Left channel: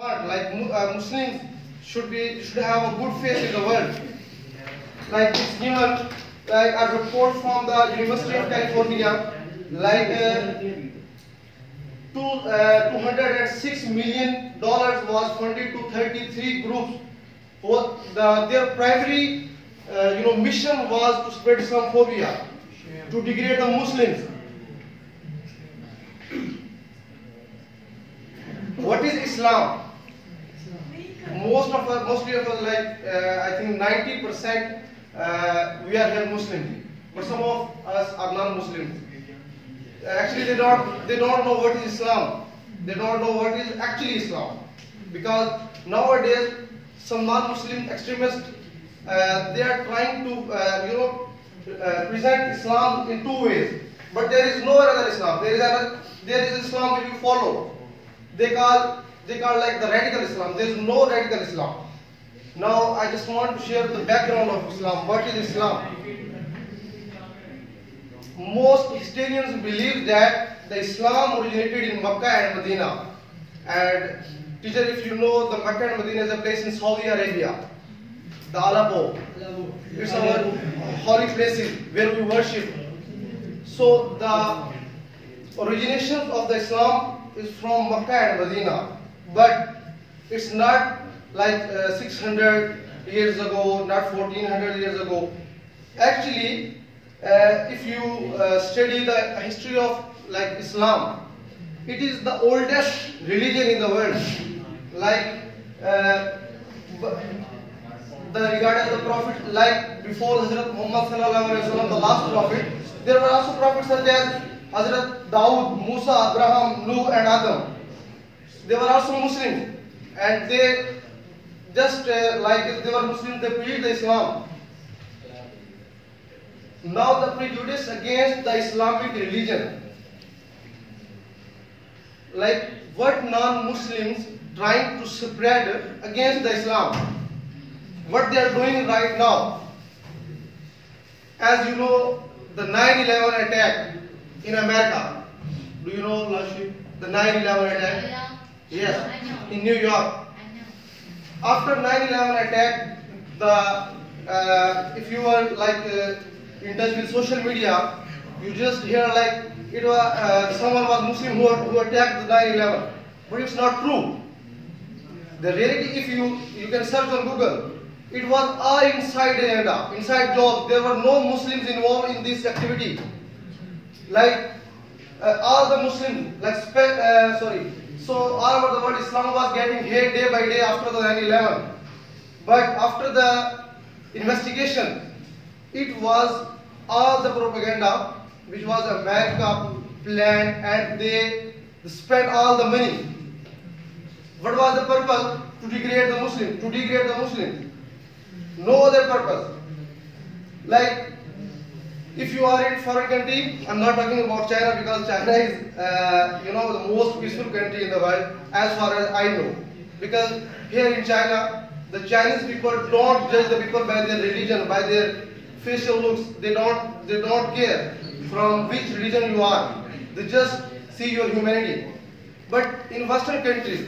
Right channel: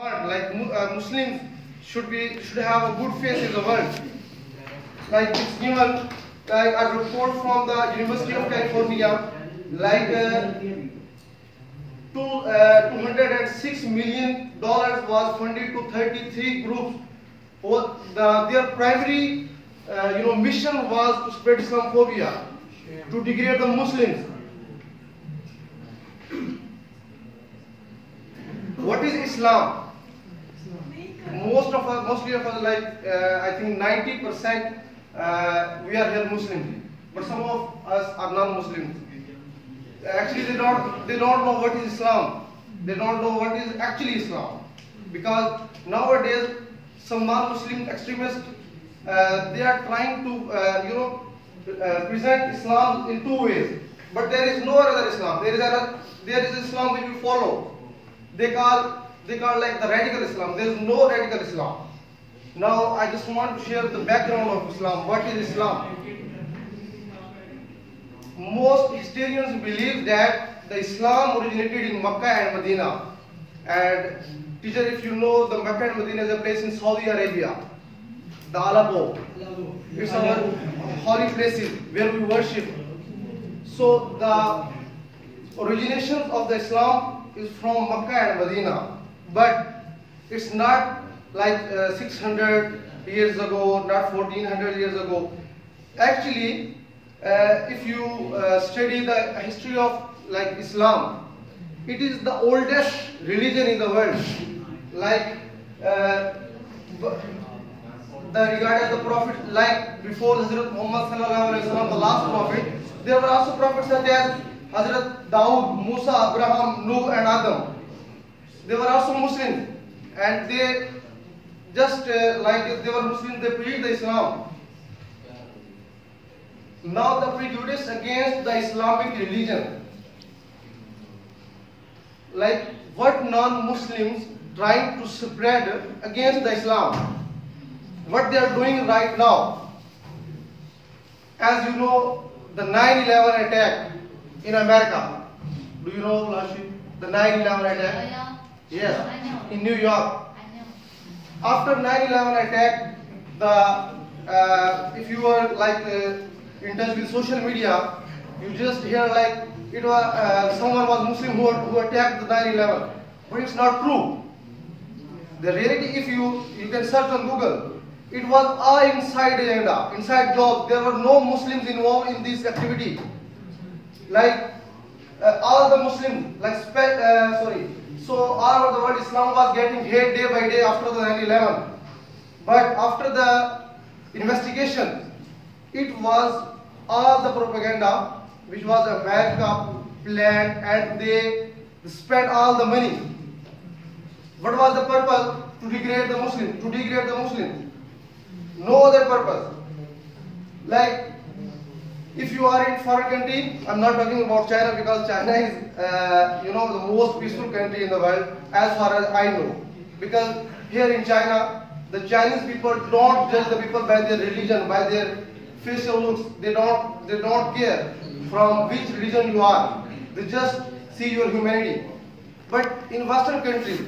Muslims should have a good face in the world. Like it's given like a report from the University of California, like $206 million was funded to 33 groups. Their primary mission was to spread islamphobia, to degrade the Muslims. What is Islam? Mostly of us, like I think 90%, we are here Muslims, but some of us are non-Muslims. Actually, they don't know what is Islam. They don't know what is actually Islam, because nowadays some non-Muslim extremists they are trying to present Islam in two ways. But there is no other Islam. There is Islam which you follow. They call like the radical Islam. There is no radical Islam. Now I just want to share the background of Islam. What is Islam? Most historians believe that the Islam originated in Mecca and Medina. And teacher, if you know, the Mecca and Medina is a place in Saudi Arabia. The Aleppo. It's our holy places where we worship. So the origination of the Islam is from Mecca and Medina. But it's not like 600 years ago, not 1400 years ago. Actually, if you study the history of like Islam, it is the oldest religion in the world. Like regarding the prophet, like before Hazrat Muhammad sallallahu alaihi wasallam, the last prophet, there were also prophets such as Hazrat Dawood, Musa, Abraham, Nuh, and Adam. They were also Muslims, and they just like if they were Muslims, they preached the Islam. Now the prejudice against the Islamic religion, like what non-Muslims trying to spread against the Islam, what they are doing right now. As you know, the 9/11 attack in America. Do you know, Lashit, the 9/11 attack? Yes, in New York. After 9/11 attack, if you are like in touch with social media, you just hear like it was someone was Muslim who attacked the 9/11, but it's not true. The reality, if you can search on Google, it was all inside agenda, inside jobs. There were no Muslims involved in this activity. Like all the Muslims, like so all over the world, Islam was getting hate day by day after the 9/11. But after the investigation, it was all the propaganda which was America planned, and they spent all the money. What was the purpose? To degrade the Muslim, to degrade the Muslim. No other purpose. Like if you are in foreign country, I'm not talking about China, because China is the most peaceful country in the world as far as I know. Because here in China, the Chinese people don't judge the people by their religion, by their facial looks. They don't care from which religion you are. They just see your humanity. But in Western countries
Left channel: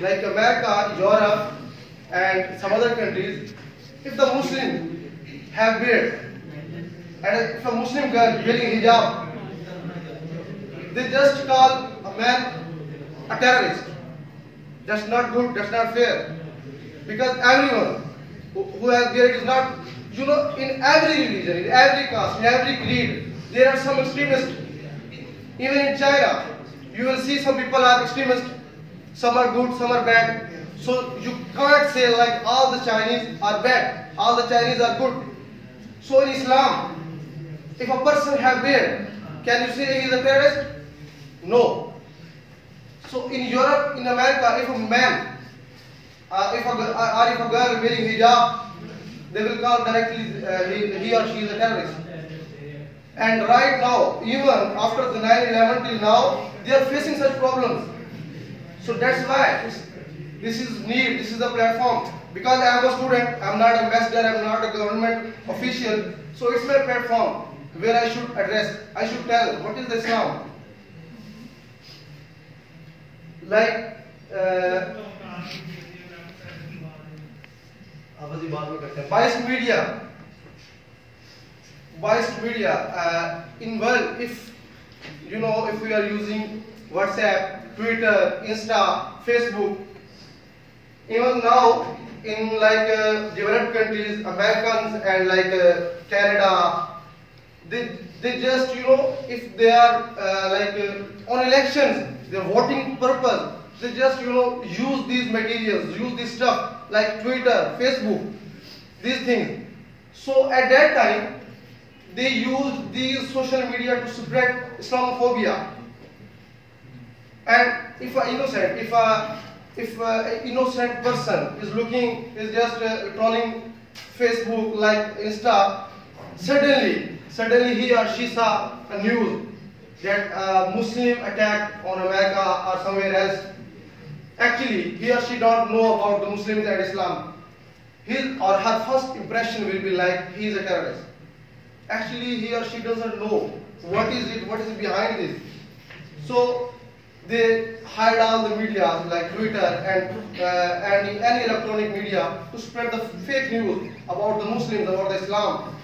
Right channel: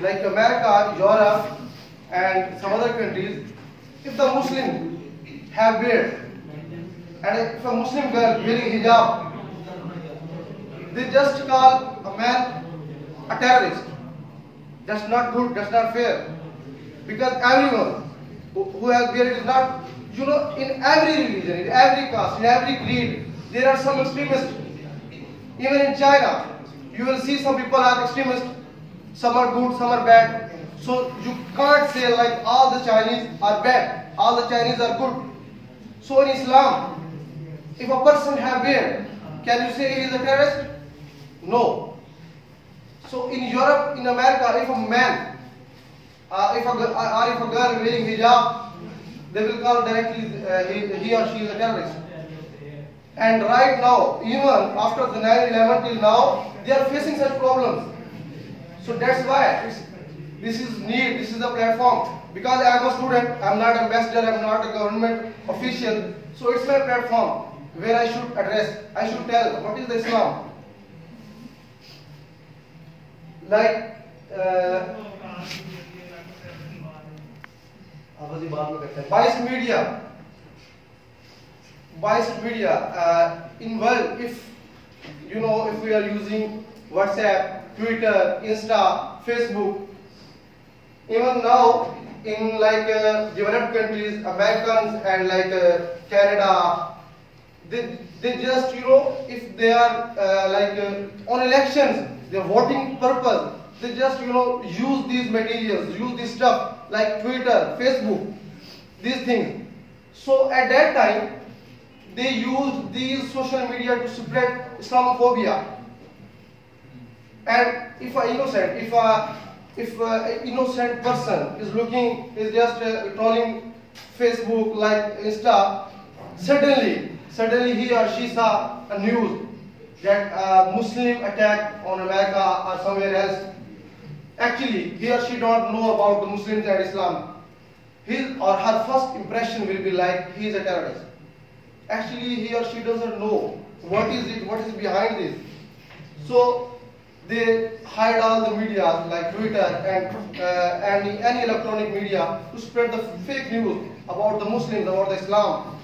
like America, Europe, and some other countries, if the Muslims have beard, and if a Muslim girl wearing hijab, they just call a man a terrorist. That's not good, that's not fair. Because everyone who has beard is not, in every religion, in every caste, in every creed, there are some extremists. Even in China, you will see some people are extremists. Some are good, some are bad. So you can't say like all the Chinese are bad, all the Chinese are good. So in Islam, if a person have beard, can you say he is a terrorist? No. So in Europe, in America, if a man, if a girl wearing hijab, they will call directly he or she is a terrorist. And right now, even after the 9/11 till now, they are facing such problems. So that's why this is a platform. Because I am a student, I am not an ambassador, I am not a government official. So it's my platform where I should address, I should tell what is the Islam. Like Biased media. In world, if if we are using WhatsApp, Twitter, Insta, Facebook, even now in developed countries, Americans and Canada, they just if they are on elections, their voting purpose, they just use these materials, use this stuff like Twitter, Facebook, these things. So at that time, they use these social media to spread Islamophobia. And if an innocent person is just trolling Facebook, like Insta, suddenly he or she saw a news that a Muslim attack on America or somewhere else. Actually, he or she don't know about the Muslims and Islam. His or her first impression will be like he is a terrorist. Actually, he or she doesn't know what is behind this. So they hide all the media like Twitter and any electronic media to spread the fake news about the Muslims, about the Islam.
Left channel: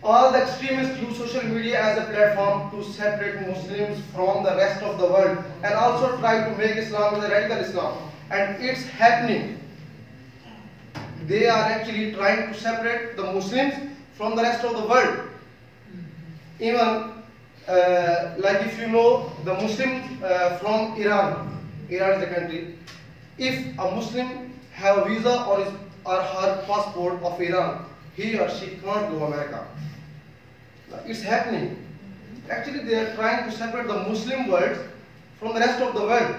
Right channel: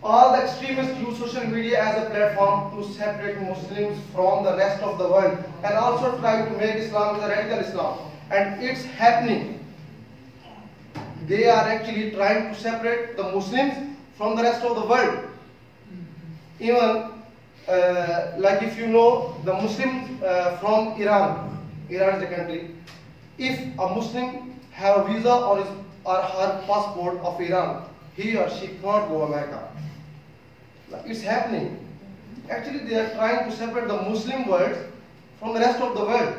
All the extremists use social media as a platform to separate Muslims from the rest of the world and also try to make Islam as a radical Islam. And it's happening. They are actually trying to separate the Muslims from the rest of the world. Even if you know the Muslim from Iran is a country. If a Muslim have a visa or her passport of Iran, he or she can't go to America. It's happening. Actually, they are trying to separate the Muslim world from the rest of the world.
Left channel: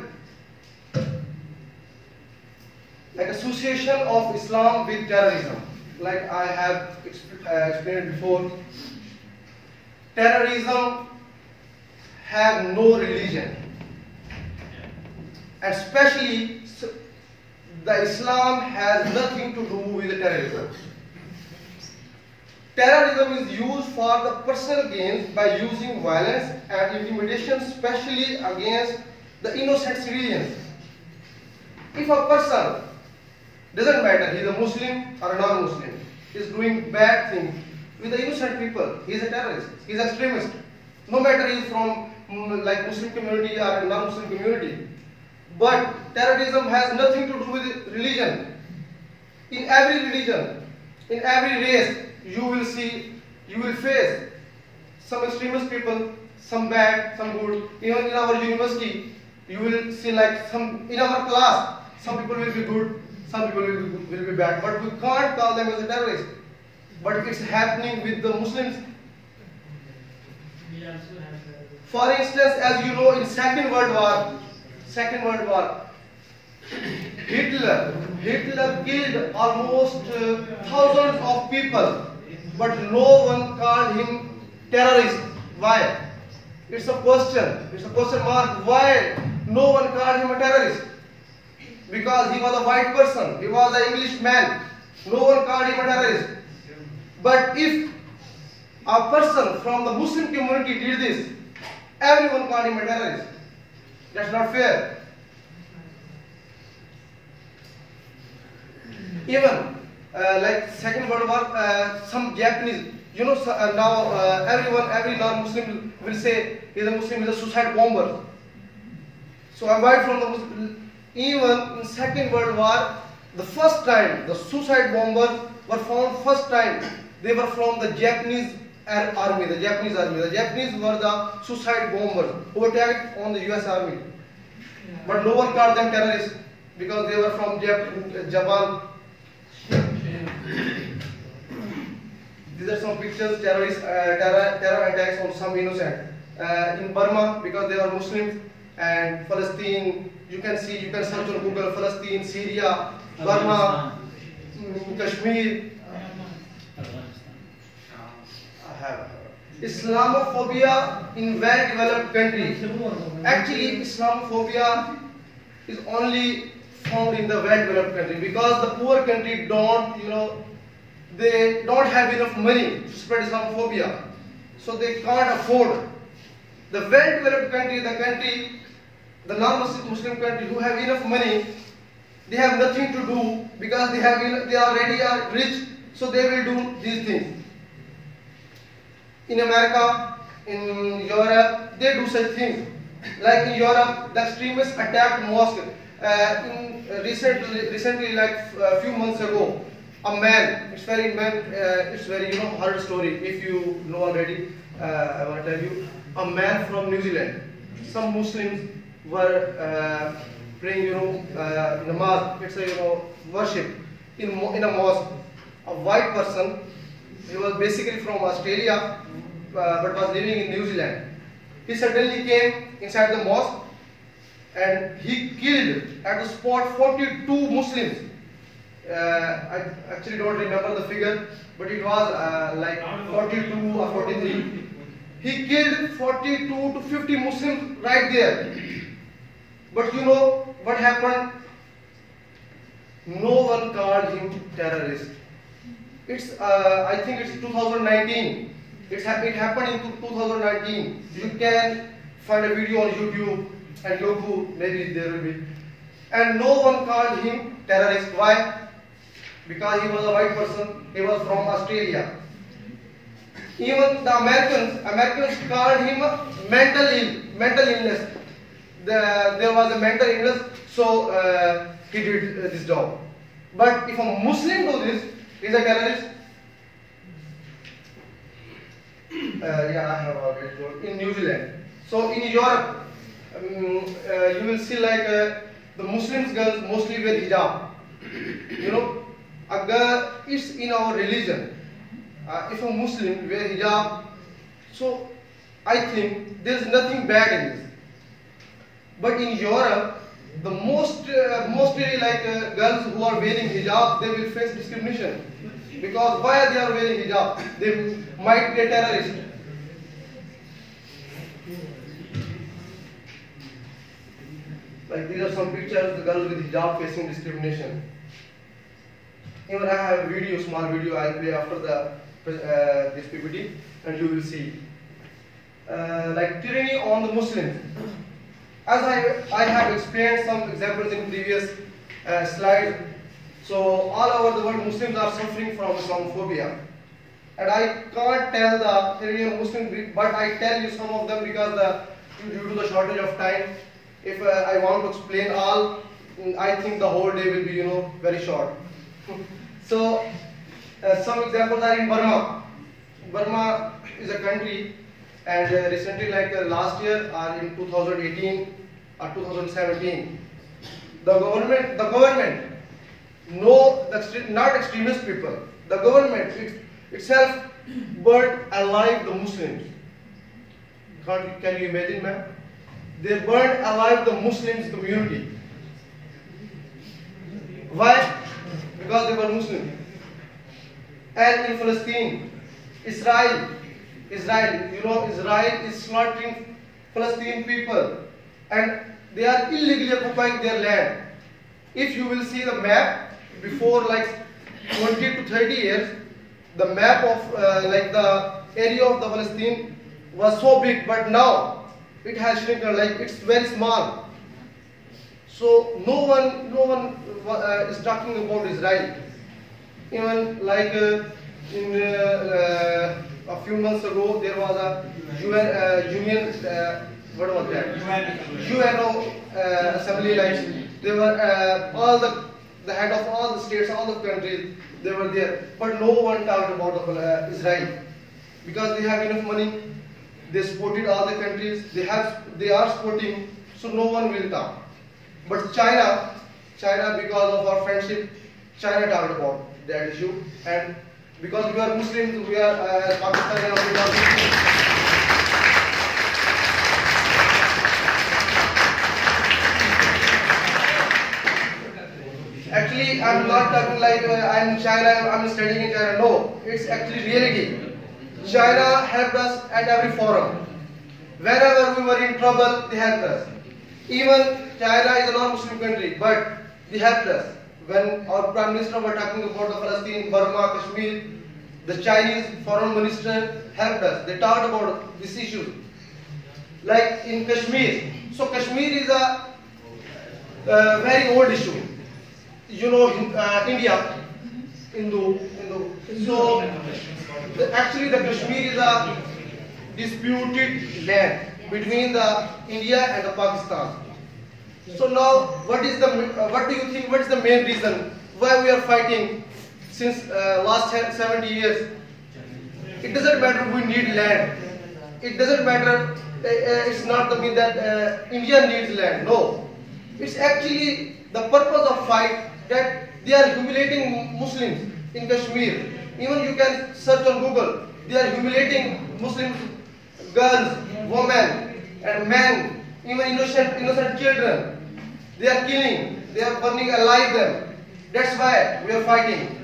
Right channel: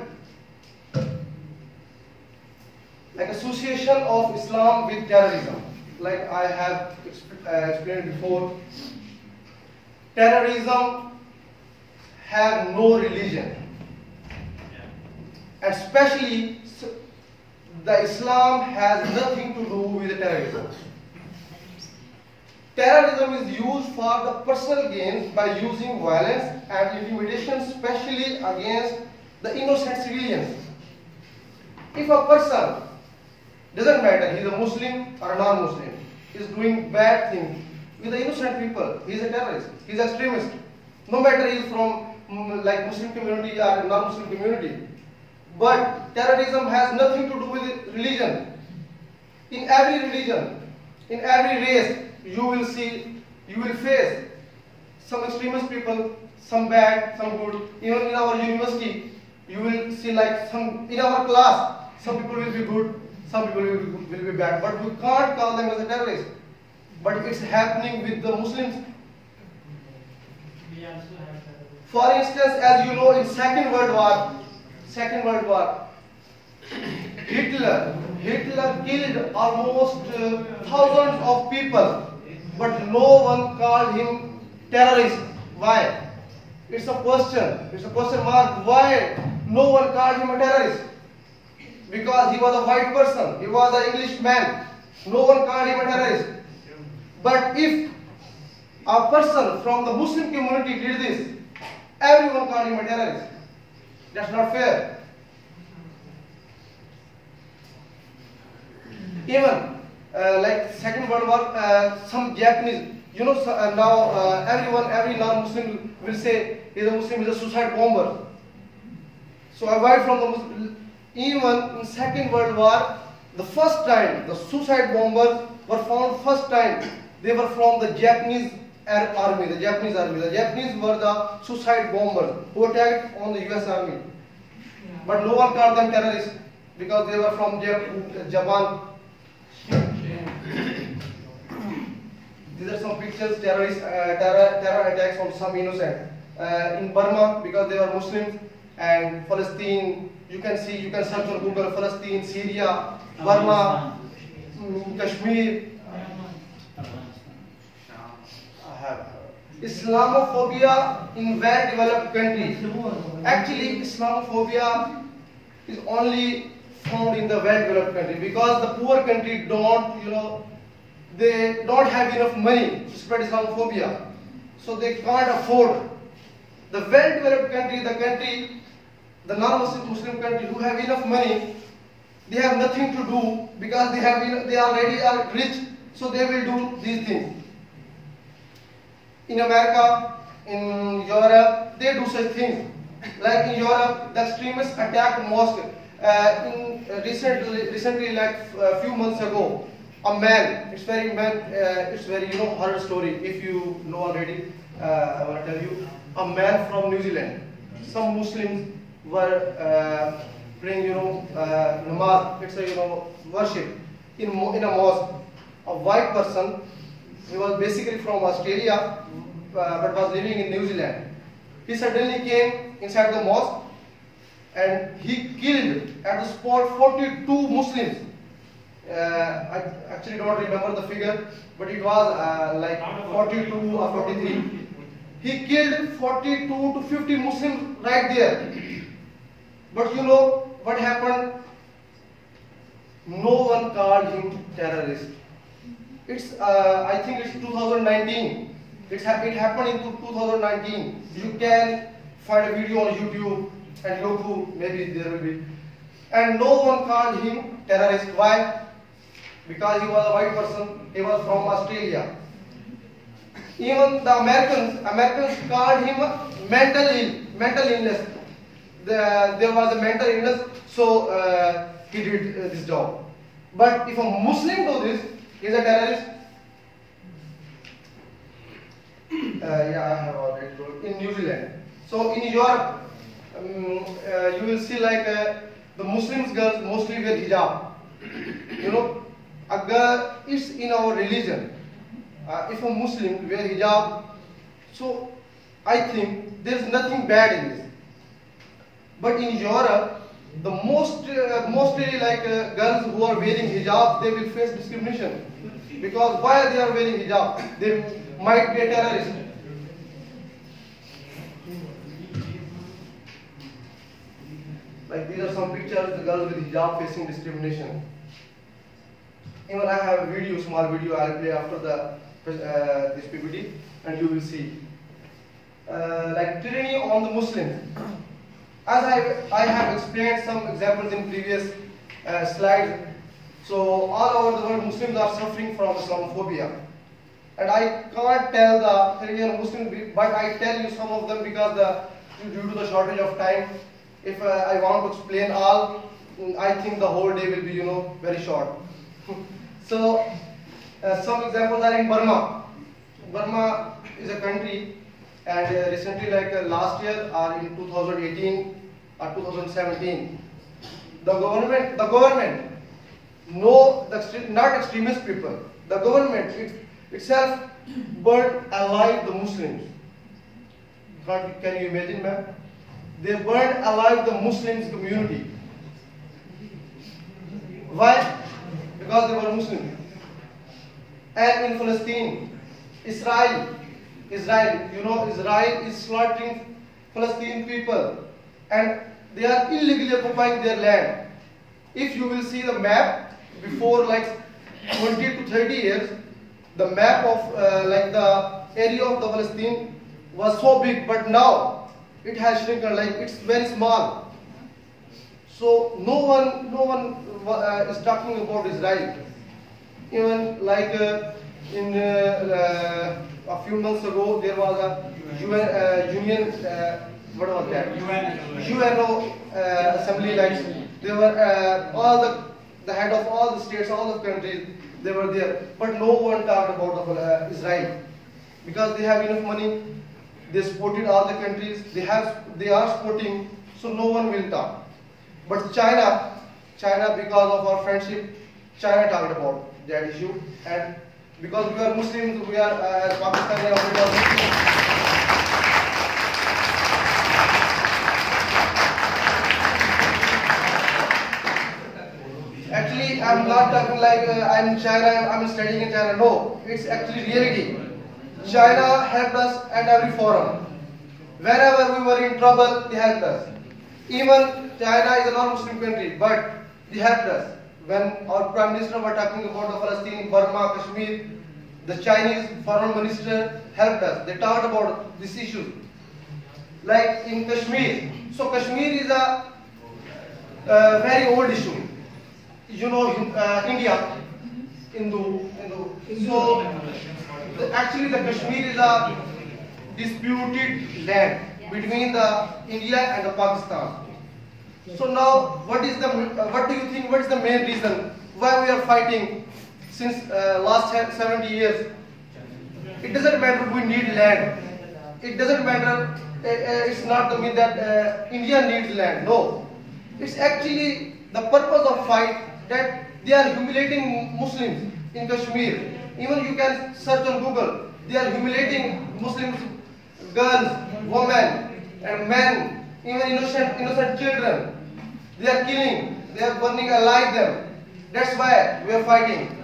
Like association of Islam with terrorism. Like I have explained before, terrorism have no religion. And especially the Islam has nothing to do with terrorism. Terrorism is used for the personal gains by using violence and intimidation, especially against the innocent civilians. If a person, doesn't matter, he is a Muslim or a non-Muslim, is doing bad things with the innocent people, he is a terrorist, he is an extremist. No matter he is from Muslim community or non-Muslim community. But terrorism has nothing to do with religion. In every religion, in every race, you will face some extremist people, some bad, some good. Even in our university, you will see in our class, some people will be good, some people will be bad. But we can't call them as a terrorist. But it's happening with the Muslims. For instance, as you know, in Second World War, Hitler killed almost thousands of people, but no one called him terrorist. Why? It's a question mark. Why no one called him a terrorist? Because he was a white person, he was an English man. No one called him a terrorist. But if a person from the Muslim community did this, everyone called him a terrorist. That's not fair. Even Second World War, some Japanese, now every non-Muslim will say he's a Muslim, is a suicide bomber. So avoid from the Muslim. Even in Second World War, the first time the suicide bombers were found, first time they were from the Japanese army. The Japanese were the suicide bombers who attacked on the US Army. But no one called them terrorists because they were from Japan. These are some pictures, terror attacks on some innocent. In Burma, because they were Muslims, and Palestine, you can search on Google, Palestine, Syria, Burma, Kashmir. Islamophobia in well-developed countries. Actually, Islamophobia is only found in the well-developed country, because the poor country they don't have enough money to spread Islamophobia, so they can't afford. The well-developed country, the country the non-Muslim country who have enough money, they have nothing to do because they already are rich, so they will do these things. In America, in Europe, they do such things. Like in Europe, the extremists attacked mosque. Recently, like a few months ago, a man. It's very hard story. If you know already, I want to tell you. A man from New Zealand. Some Muslims were praying, namaz. It's a worship in a mosque. A white person. He was basically from Australia, but was living in New Zealand. He suddenly came inside the mosque and he killed at the spot 42 Muslims. I actually don't remember the figure, but it was like 42 or 43. He killed 42 to 50 Muslims right there. But you know what happened? No one called him terrorist. I think it's 2019. It happened in 2019. You can find a video on YouTube and Yahoo, maybe there will be. And no one called him terrorist. Why? Because he was a white person. He was from Australia. Even the Americans called him mental illness. There was a mental illness, so he did this job. But if a Muslim do this, he's a terrorist. Yeah, I have already told. In New Zealand. So in Europe, you will see like the Muslims girls mostly wear hijab. You know, it's in our religion. If a Muslim wear hijab, so I think there is nothing bad in this. But in Europe, the mostly like girls who are wearing hijab, they will face discrimination. Because why they are wearing hijab? They might be a terrorist. Like these are some pictures, the girls with hijab facing discrimination. Even I have a video, small video I'll play after this PPT, and you will see. Like tyranny on the Muslims. As I have explained some examples in previous slides, so all over the world Muslims are suffering from islamphobia. And I can't tell the tyranny on Muslims, but I tell you some of them because due to the shortage of time, if I want to explain all, I think the whole day will be very short. So some examples are in Burma. Burma is a country, and recently, like last year or in 2018 or 2017, the government, not extremist people, the government itself burned alive the Muslims. Can you imagine, ma'am? They burned alive the Muslims community. Why? Because they were Muslims. And in Palestine, Israel, Israel is slaughtering Palestinian people, and they are illegally occupying their land. If you will see the map before like 20 to 30 years, the map of like the area of the Palestine was so big, but now it has shrunken, like it's very small. So no one is talking about Israel. Even like in a few months ago, there was a UNO assembly. Like they were all the head of all the states, all the countries, they were there. But no one talked about Israel because they have enough money. They supported all the countries. They are supporting, so no one will talk. But China, because of our friendship, China talked about that issue, and because we are Muslims, we are Pakistani, we are Muslims. Actually, I'm not talking like I'm in China, I'm studying in China. No, it's actually reality. China helped us at every forum. Whenever we were in trouble, they helped us. Even China is a non-Muslim country, but they helped us. When our Prime Minister was talking about the Palestine, Burma, Kashmir, the Chinese Foreign Minister helped us. They talked about this issue. Like in Kashmir, So Kashmir is a very old issue. You know, India, Hindu. So actually, the Kashmir is a disputed land between the India and the Pakistan. So now, what do you think? What is the main reason why we are fighting since last 70 years? It doesn't matter we need land. It doesn't matter. It's not the mean that India needs land. No, it's actually the purpose of fight that they are humiliating Muslims in Kashmir. Even you can search on Google. They are humiliating Muslims, girls, women, and men, even innocent children. They are killing. They are burning alive them. That's why we are fighting.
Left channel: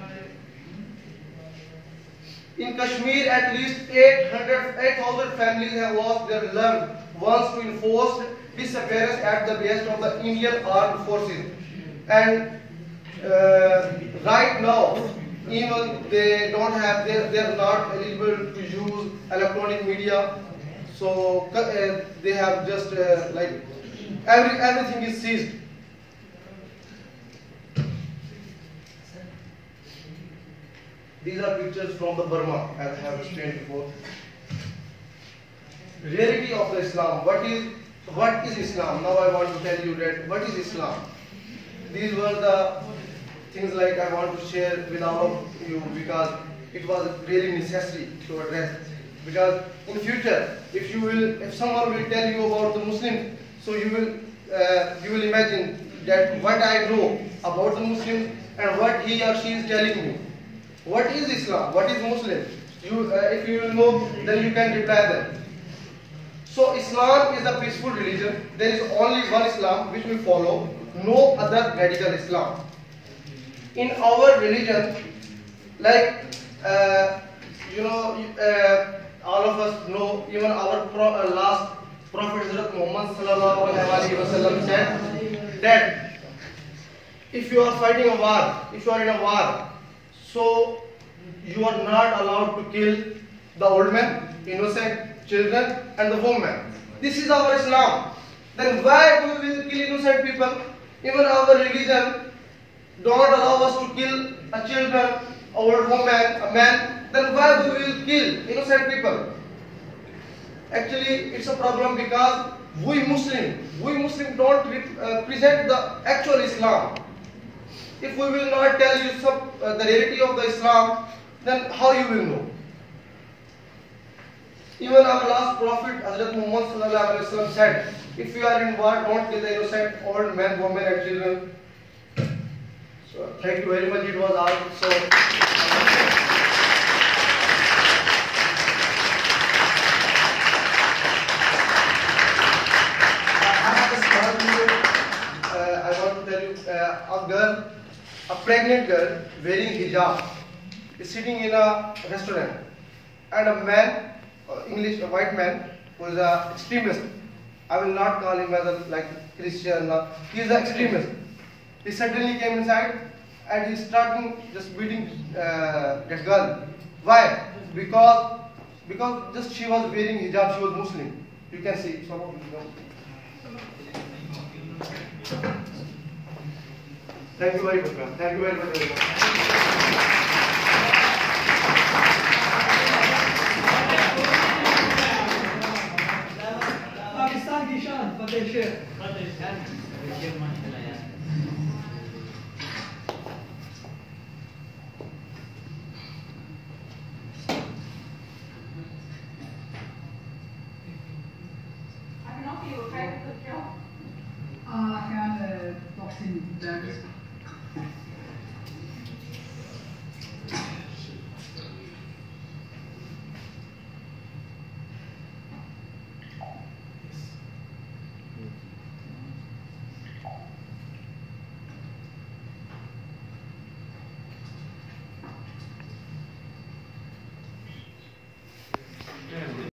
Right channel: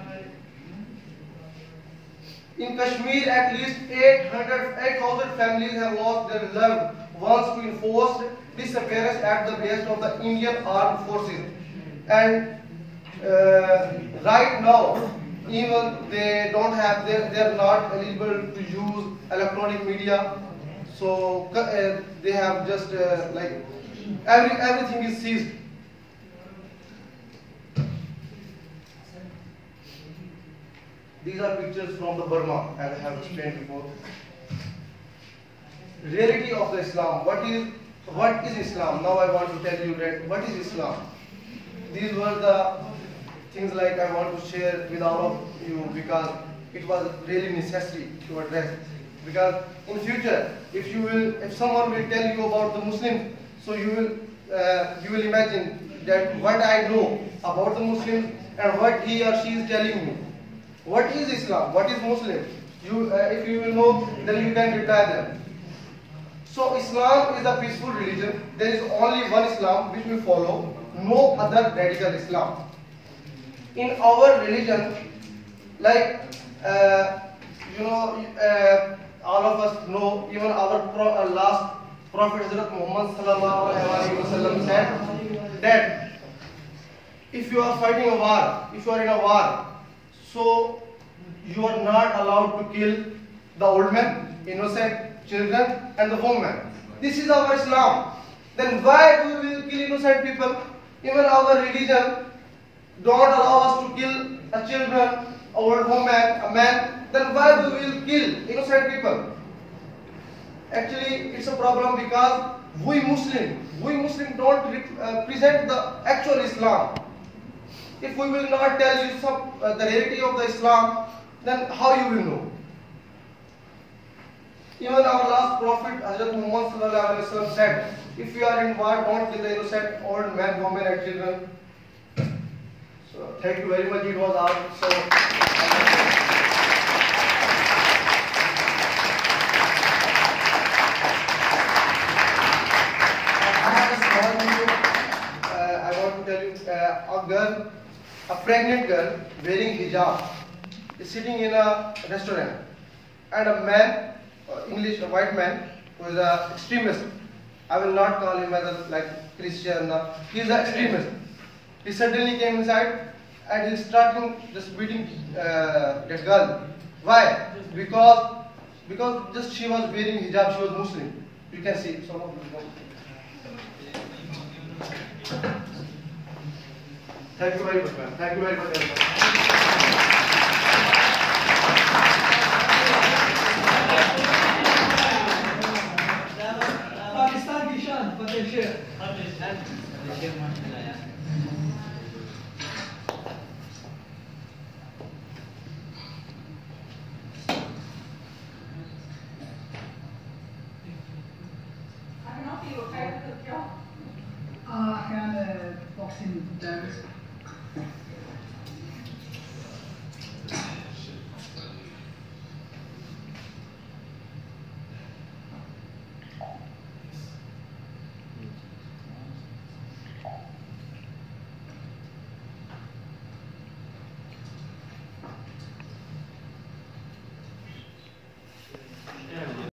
In Kashmir, at least 8,000 families have lost their loved ones to enforced disappearance at the behest of the Indian Armed Forces. And right now, even they don't have, they are not eligible to use electronic media. So they have just like everything is seized. These are pictures from the Burma, as I have explained before. Reality of the Islam. What is Islam? Now I want to tell you that what is Islam. These were the things like I want to share with all of you because it was really necessary to address. Because in future, if someone will tell you about the Muslims, so you will imagine that what I know about the Muslims and what he or she is telling me. What is Islam? What is Muslim? If you will know, then you can reply them. So Islam is a peaceful religion. There is only one Islam which we follow, no other radical Islam. In our religion, like all of us know, even our last Prophet Muhammad sallallahu alaihi wasallam said that if you are fighting a war, if you are in a war, so you are not allowed to kill the old men, innocent children, and the women. This is our Islam. Then why do we kill innocent people? Even our religion don't allow us to kill a children, a old woman, a man. Then why do we kill innocent people? Actually, it's a problem because we Muslim don't present the actual Islam. If we will not tell you the reality of the Islam, then how you will know? Even our last Prophet, Hazrat Muhammad sallallahu alaihi wasallam said, if you are in war, don't kill the innocent old men, women, and children. So thank you very much. It was all so. I want to tell you, a pregnant girl wearing hijab is sitting in a restaurant, and a man, a white man, who is an extremist. I will not call him as like Christian. He is an extremist. He suddenly came inside and he started just beating that girl. Why? Because just she was wearing hijab. She was Muslim. You can see some of them. Thank you very much, ma'am. Thank you very much, everyone. Pakistan की शान फतेह Sheikh. I can boxing dance.